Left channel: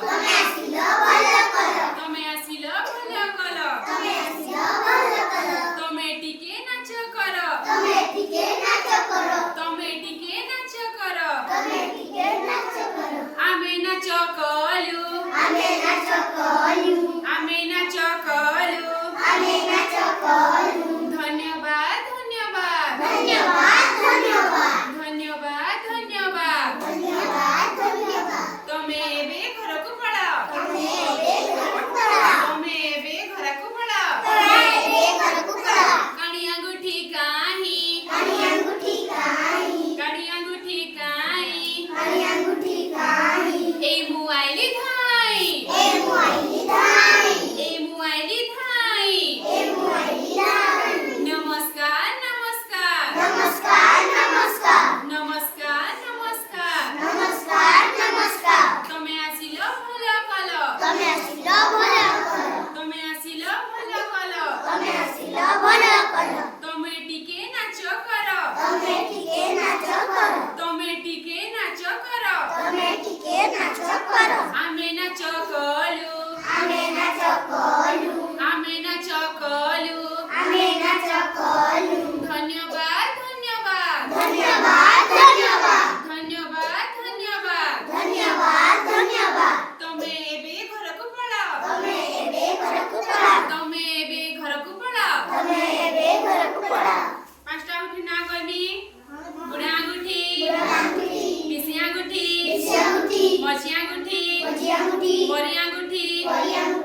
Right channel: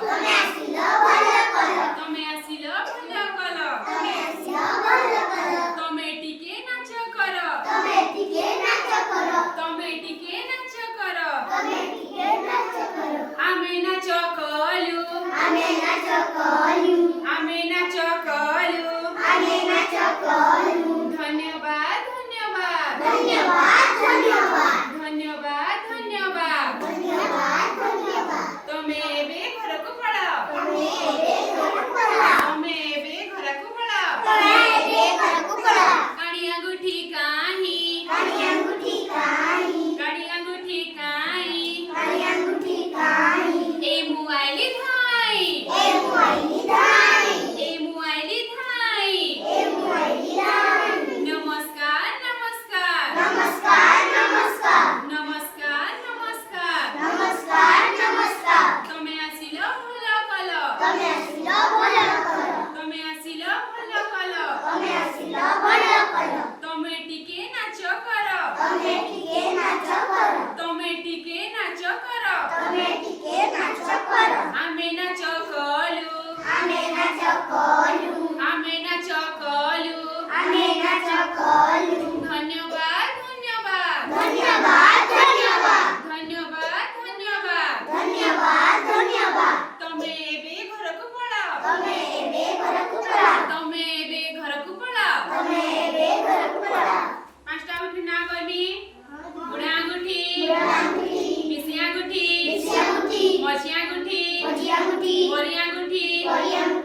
ତମେ ଆସିଲ ଭଲ କଲ ତମେ ଆସିଲ ଭଲ କଲ ତମେ ଆସିଲ ଭଲ କଲ ତମେ ଟିକେ ନାଚ କର ତମେ ଟିକେ ନାଚ କର ତମେ ଟିକେ ନାଚ କର ତମେ ଟିକେ ନାଚ କର ଆମେ ନାଚ କଲୁ ଆମେ ନାଚ କଲୁ ଆମେ ନାଚ କଲୁ ଆମେ ନାଚ କଲୁ ଧନ୍ୟବାଦ ଧନ୍ୟବାଦ ଧନ୍ୟବାଦ ଧନ୍ୟବାଦ ଧନ୍ୟବାଦ ଧନ୍ୟବାଦ ଧନ୍ୟବାଦ ଧନ୍ୟବାଦ ତମେ ଏବେ ଘରକୁ ପଳାଅ ତମେ ଏବେ ଘରକୁ ପଳାଅ ତମେ ଏବେ ଘରକୁ ପଳାଅ ତମେ ଏବେ ଘରକୁ ପଳାଅ କାଣି ଆଙ୍ଗୁଠି କାହିଁ କାଣି ଆଙ୍ଗୁଠି କାହିଁ କାଣି ଆଙ୍ଗୁଠି କାହିଁ କାଣି ଆଙ୍ଗୁଠି କାହିଁ এই ମୁଁ ଆଇଲି ଧାଇଁ ଏ ମୁଁ ଆଇଲି ଧାଇଁ এই ମୁଁ ଆଇଲି ଧାଇଁ ଏ ମୁଁ ଆଇଲି ଧାଇଁ ନମସ୍କାର ନମସ୍କାର ନମସ୍କାର ନମସ୍କାର ନମସ୍କାର ନମସ୍କାର ନମସ୍କାର ନମସ୍କାର ତମେ ଆସିଲ ଭଲ କଲ ତମେ ଆସିଲ ଭଲ କଲ ତମେ ଆସିଲ ଭଲ କଲ ତମେ ଆସିଲ ଭଲ କଲ ତମେ ଟିକେ ନାଚ କର ତମେ ଟିକେ ନାଚ କର ତମେ ଟିକେ ନାଚ କର ତମେ ଟିକେ ନାଚ କର ଆମେ ନାଚ କଲୁ ଆମେ ନାଚ କଲୁ ଆମେ ନାଚ କଲୁ ଆମେ ନାଚ କଲୁ ଧନ୍ୟବାଦ ଧନ୍ୟବାଦ ଧନ୍ୟବାଦ ଧନ୍ୟବାଦ ଧନ୍ୟବାଦ ଧନ୍ୟବାଦ ଧନ୍ୟବାଦ ଧନ୍ୟବାଦ ତମେ ଏବେ ଘରକୁ ପଳାଅ ତମେ ଏବେ ଘରକୁ ପଳାଅ ତମେ ଏବେ ଘରକୁ ପଳାଅ ତମେ ଏବେ ଘରକୁ ପଳାଅ ପାଞ୍ଚଟା ଆଙ୍ଗୁଠି ନା କହିବି ବୁଢ଼ା ଆଙ୍ଗୁଠି ବୁଢ଼ା ଆଙ୍ଗୁଠି ବିଶି ଆଙ୍ଗୁଠି ବିଶି ଆଙ୍ଗୁଠି ମଝି ଆଙ୍ଗୁଠି ମଝି ଆଙ୍ଗୁଠି ବରି ଆଙ୍ଗୁଠି ବଡ଼ି ଆଙ୍ଗୁଠି